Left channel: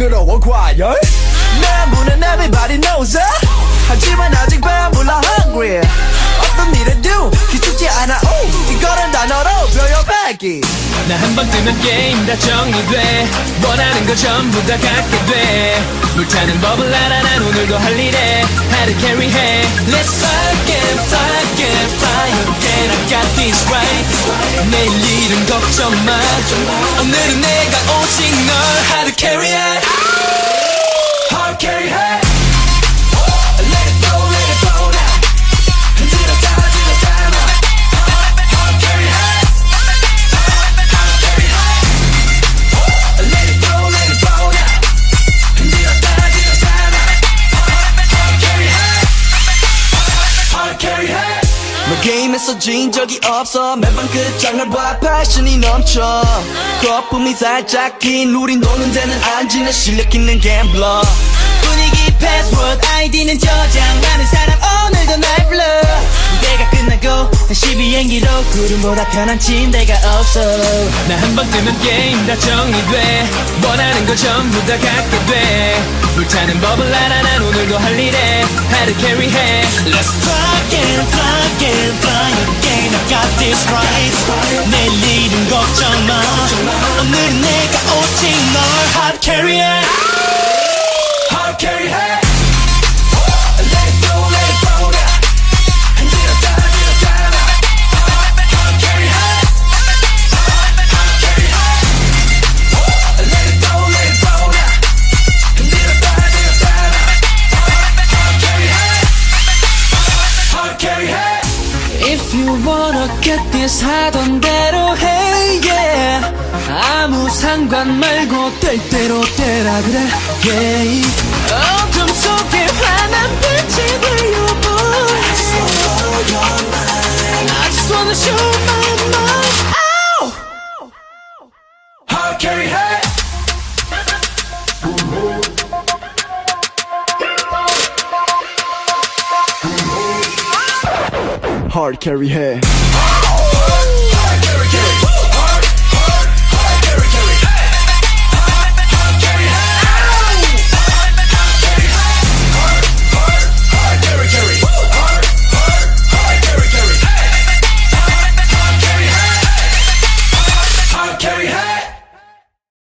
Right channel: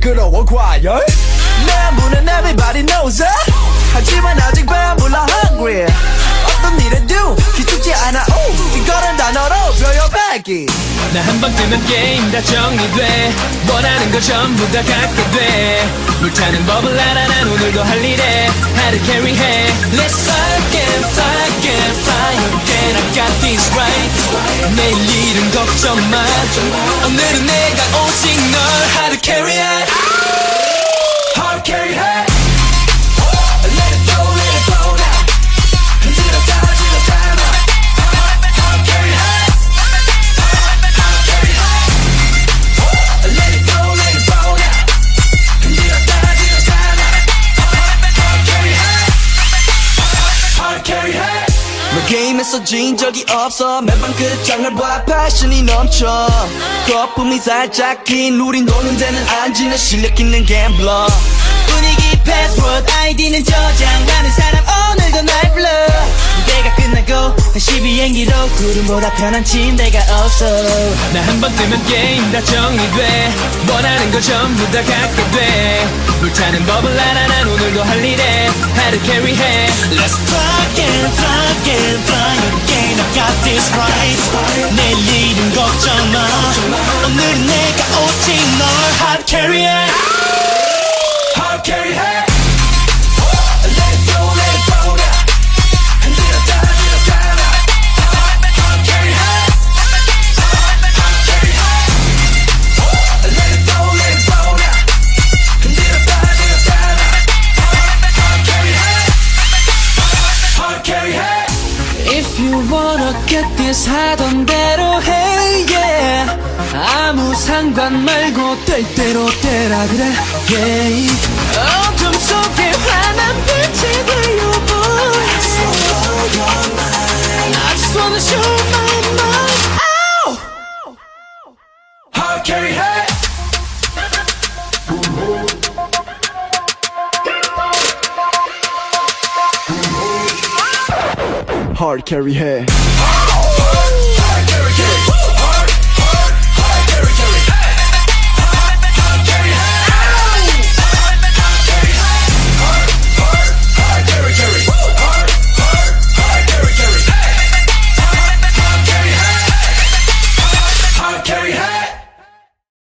시끄러워 과열 내 문은 everybody knows it. 하지만 아직 왜 몰라 hungry. 어떤 일을 do 기죽지 않아. 이건 단어로 줘요 baggy. 나 한 번 들면 게임 다 정리돼. 원하는 거 전부 다 갖게 돼. 불타는 버블 하나 우리도 할 일에 hand carry 해. Let's fly again, fly again, fly again. I got this right. 내일 일은 걱정 마. 오늘은 내가 오직 널 hard to carry it. Hard carry it. Let it go, let it go. Until the time. Hard carry it. Hard carry it. Let it go, let it go. Until the time. Hard carry it. Hard carry it. 너 게임에서 진 적이 없어. 매번 그 장을 봐 패션이 넘쳐. 거품이 살짝 긴 우린 노는 데는 앉으려 시느끼는 갬블러. 우리 패스워드 아이디는 저장하는 사람 오늘도 날 불러. 내가 끝나고 다시 비행기로 그보다 편한 침대가 없어. 나 한 번 들면 게임 다 정리돼. 원하는 거 전부 다 갖게 돼. 불타는 버블 하나 우리도 할 일에 hand carry 해. Let's fly again, fly again, fly again. I got this right. 내일 일은 걱정 마. 오늘 내가 오직 널 hard carry it. Hard carry it. Let it go, let it go. Until the time. Hard carry it. Hard carry it. Let it go, let it go. Until the time. Hard carry it. Hard carry it. If you wanna get this 하던 대로 해 yeah. 아무 상관 말고 될 대로 되라 그래 yeah. 어둠 속에 환한 빛이 되려고 I just wanna show my mind. Ow! Hard carry it. Hard carry head